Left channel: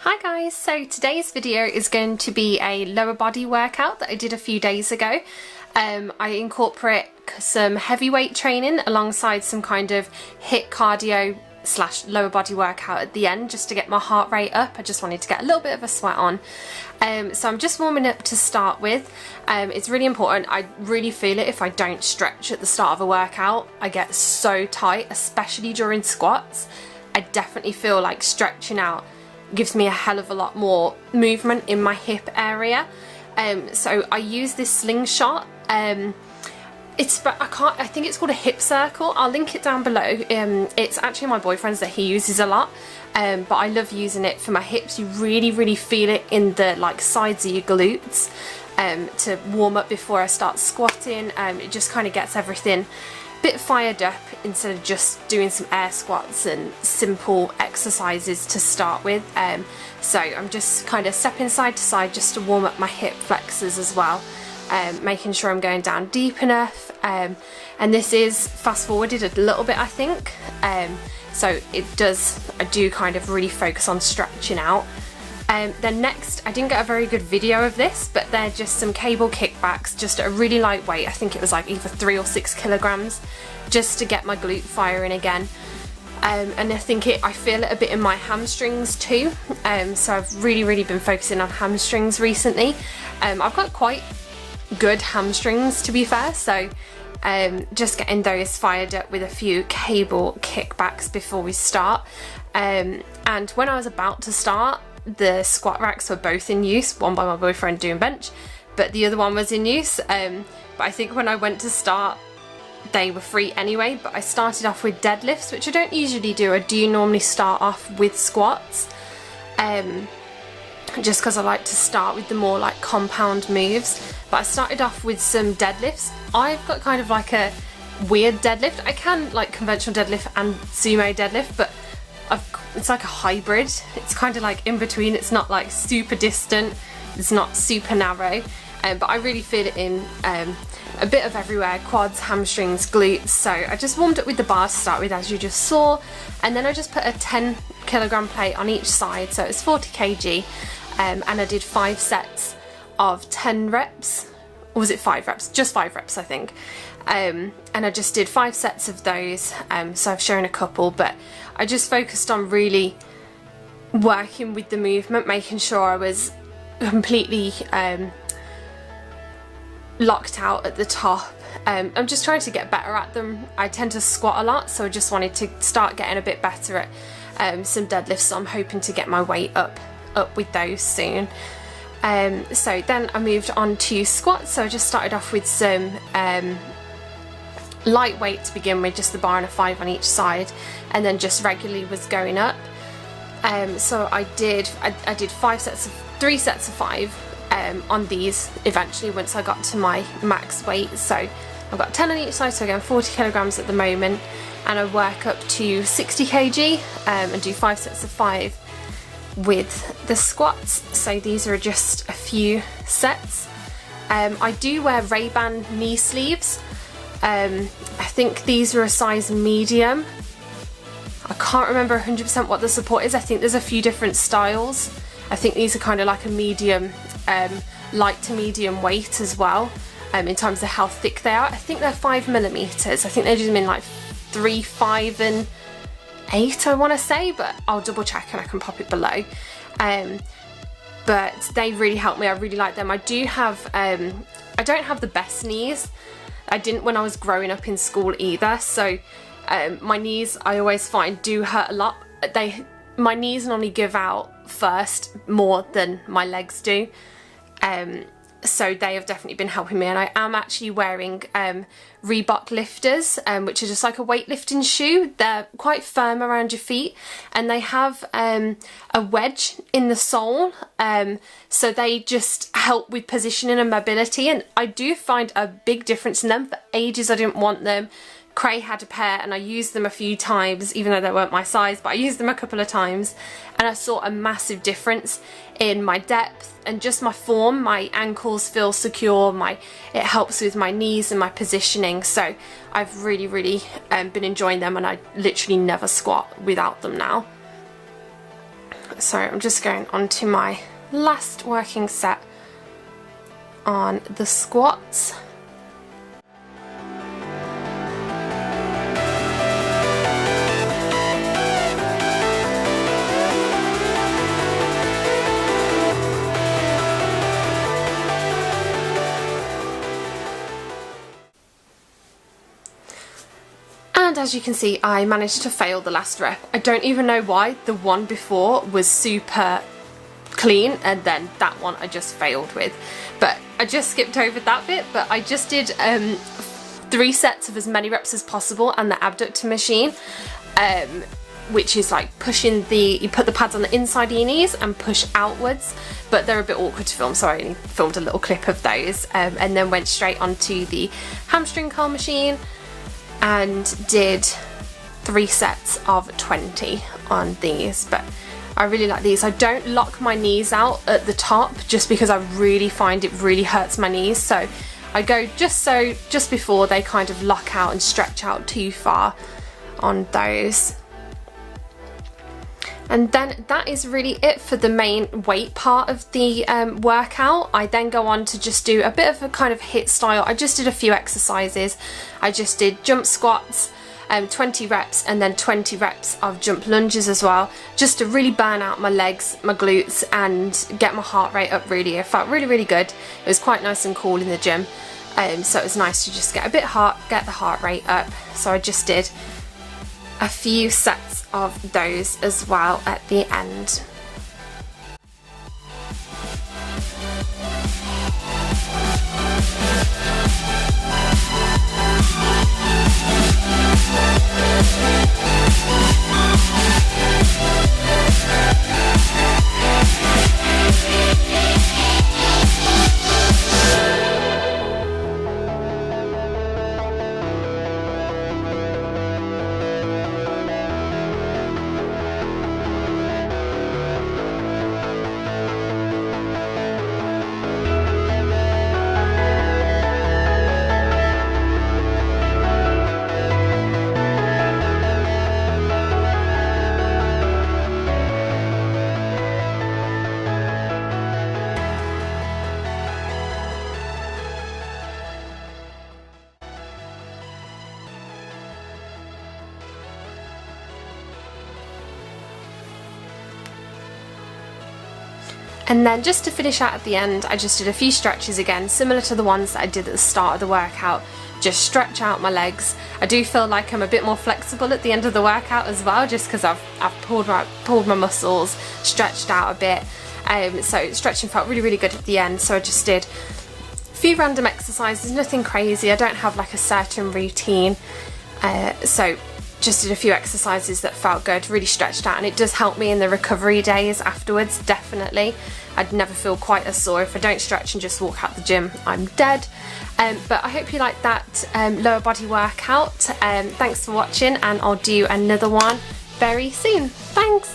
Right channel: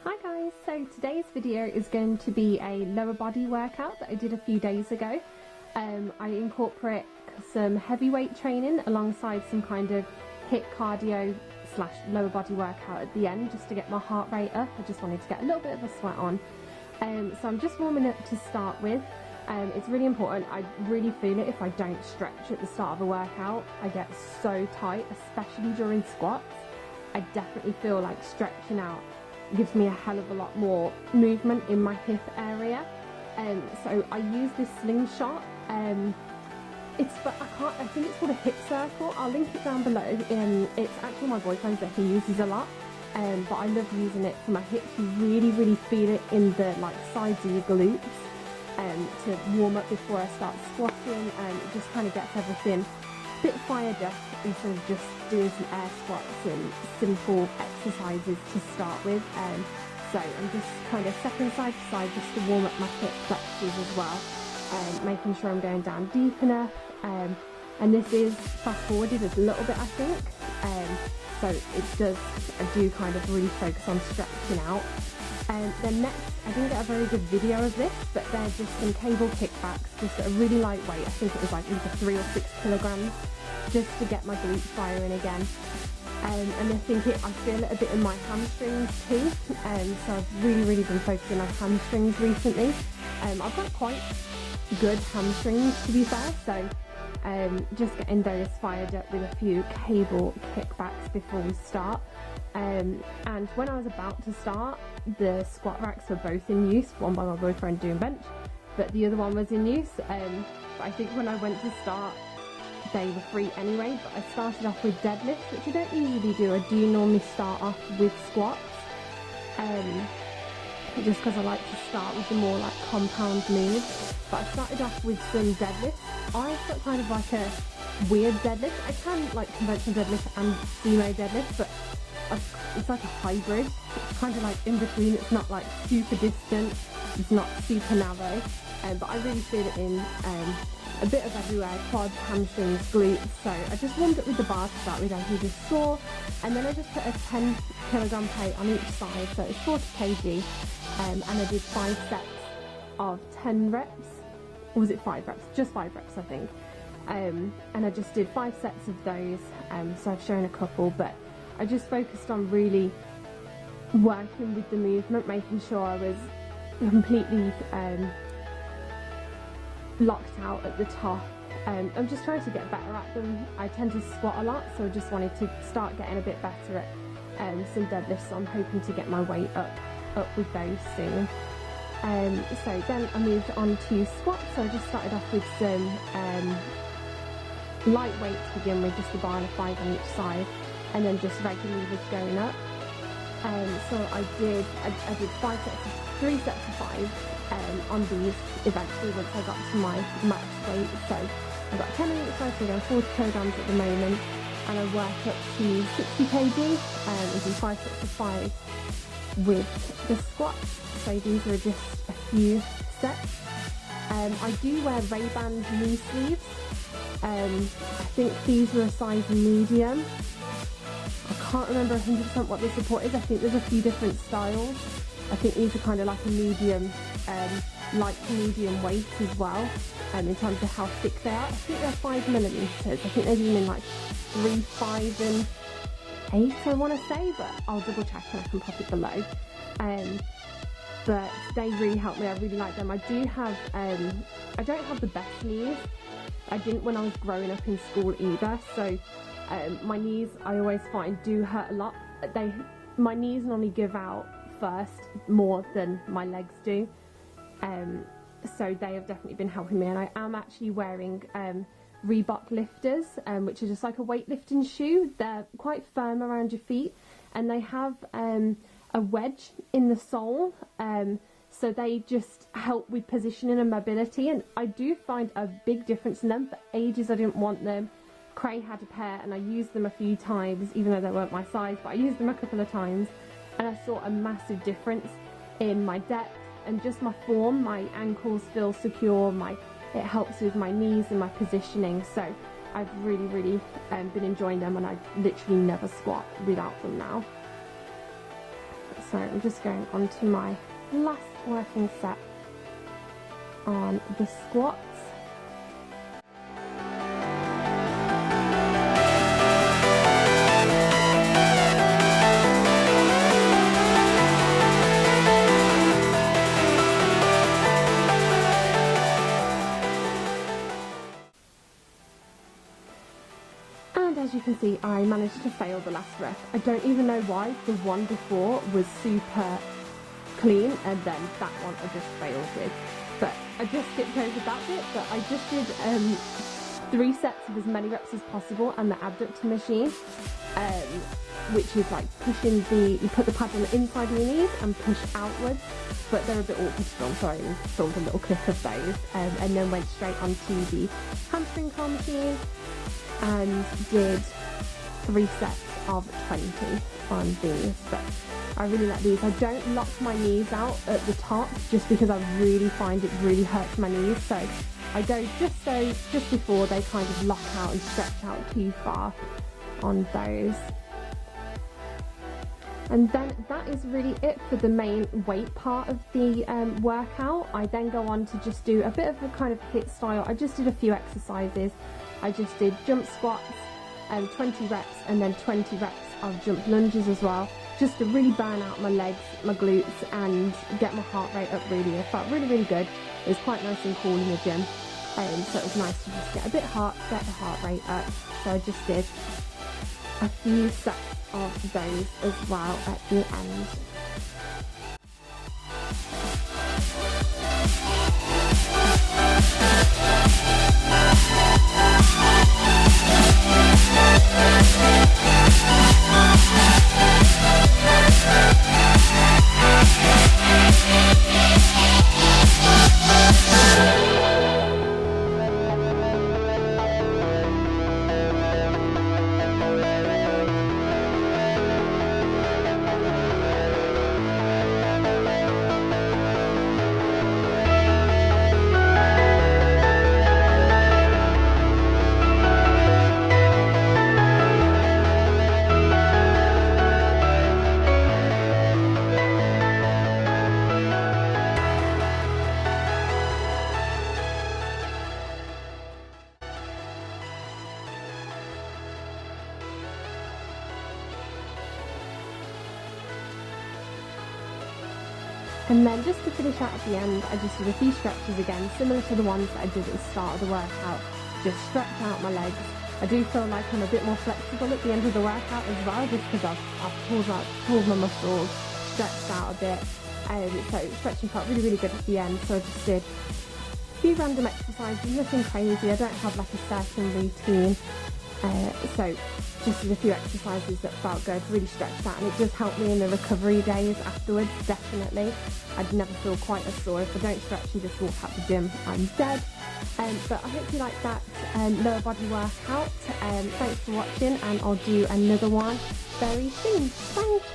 Hi guys, so today's video is going to be a lower body workout that I did a few days ago. I incorporate some heavyweight training alongside some kind of HIIT cardio / lower body workout at the end just to get my heart rate up. I just wanted to get a little bit of a sweat on. So I'm just warming up to start with. It's really important. I really feel it if I don't stretch at the start of a workout. I get so tight, especially during squats. I definitely feel like stretching out gives me a hell of a lot more movement in my hip area. So I use this slingshot. I think it's called a hip circle. I'll link it down below. It's actually my boyfriend's that he uses a lot, but I love using it for my hips. You really feel it in the sides of your glutes to warm up before I start squatting. It just kind of gets everything a bit fired up instead of just doing some air squats and simple exercises to start with. So I'm just kind of stepping side to side just to warm up my hip flexors as well, making sure I'm going down deep enough. And this is fast forwarded a little bit, I think. So I do kind of really focus on stretching out. Then next, I didn't get a very good video of this, but they're just some cable kickbacks, just at a really light weight. I think it was like either 3 or 6 kilograms, just to get my glute firing again. And I feel it a bit in my hamstrings too. So I've really been focusing on hamstrings recently. I've got quite good hamstrings, to be fair, so just getting those fired up with a few cable kickbacks before we start. And when I was about to start, the squat racks were both in use, one by my boyfriend doing bench, but the other one was in use. But I think when I went to start, they were free anyway. But I started off with deadlifts, which I don't usually do. I do normally start off with squats, just because I like to start with the more compound moves. But I started off with some deadlifts. I've got kind of like a weird deadlift. I can conventional deadlift and sumo deadlift, but it's like a hybrid. It's kind of in between. It's not super distant, it's not super narrow, but I really feel it in a bit of everywhere: quads, hamstrings, glutes. So I just warmed up with the bar to start with, as you just saw, and then I just put a 10 kilogram plate on each side, so it's 40 kg, and I did 5 sets of 10 reps, or was it 5 reps? Just 5 reps, I think. And I just did 5 sets of those. So I've shown a couple, but I just focused on really working with the movement, making sure I was completely locked out at the top. I'm just trying to get better at them. I tend to squat a lot, so I just wanted to start getting a bit better at some deadlifts, so I'm hoping to get my weight up with those soon. So then I moved on to squats, so I just started off with some lightweight to begin with, just the bar and a 5 on each side, and then just regularly was going up. So I did 3 sets of 5 on these eventually once I got to my max weight. So I've got 10 on each side, so again 40 kilograms at the moment, and I work up to 60 kg and do 5 sets of 5 with the squats. So these are just a few sets. I do wear Ray-Ban knee sleeves. I think these are a size medium. I can't remember 100% what the support is. I think there's a few different styles. I think these are kind of like a medium, light to medium weight as well, in terms of how thick they are. I think they're 5mm. I think they do them in 3, 5 and 8, I want to say, but I'll double check and I can pop it below. But they really help me. I really like them. I don't have the best knees. I didn't when I was growing up in school either, so my knees, I always find, do hurt a lot. My knees normally give out first more than my legs do, so they have definitely been helping me. And I am actually wearing Reebok lifters, which are just like a weightlifting shoe. They're quite firm around your feet, and they have a wedge in the sole, so they just help with positioning and mobility, and I do find a big difference in them. For ages I didn't want them. Cray had a pair and I used them a few times, even though they weren't my size, but I used them a couple of times, and I saw a massive difference in my depth and just my form. My ankles feel secure, it helps with my knees and my positioning, so I've really been enjoying them, and I literally never squat without them now. So I'm just going on to my last working set on the squats. And as you can see, I managed to fail the last rep. I don't even know why. The one before was super clean, and then that one I just failed with. But I just skipped over that bit, but I just did 3 sets of as many reps as possible and the abductor machine, which is like pushing you put the pads on the inside of your knees and push outwards, but they're a bit awkward to film, so I only filmed a little clip of those, and then went straight onto the hamstring curl machine and did 3 sets of 20 on these. But I really like these. I don't lock my knees out at the top just because I really find it really hurts my knees, so I go just before they kind of lock out and stretch out too far on those. And then that is really it for the main weight part of the workout. I then go on to just do a bit of a kind of HIIT style. I just did a few exercises. I just did jump squats, 20 reps, and then 20 reps of jump lunges as well, just to really burn out my legs, my glutes, and get my heart rate up really. It felt really, really good. It was quite nice and cool in the gym, so it was nice to just get the heart rate up. So I just did a few sets of those as well at the end. And then just to finish out at the end, I just did a few stretches again, similar to the ones that I did at the start of the workout. Just stretch out my legs. I do feel like I'm a bit more flexible at the end of the workout as well, just because I've pulled my muscles, stretched out a bit. So stretching felt really, really good at the end. So I just did a few random exercises, nothing crazy. I don't have like a certain routine. So just did a few exercises that felt good, really stretched out, and it does help me in the recovery days afterwards, definitely. I'd never feel quite as sore if I don't stretch and just walk out the gym. I'm dead. But I hope you liked that lower body workout. Thanks for watching, and I'll do another one very soon. Thanks.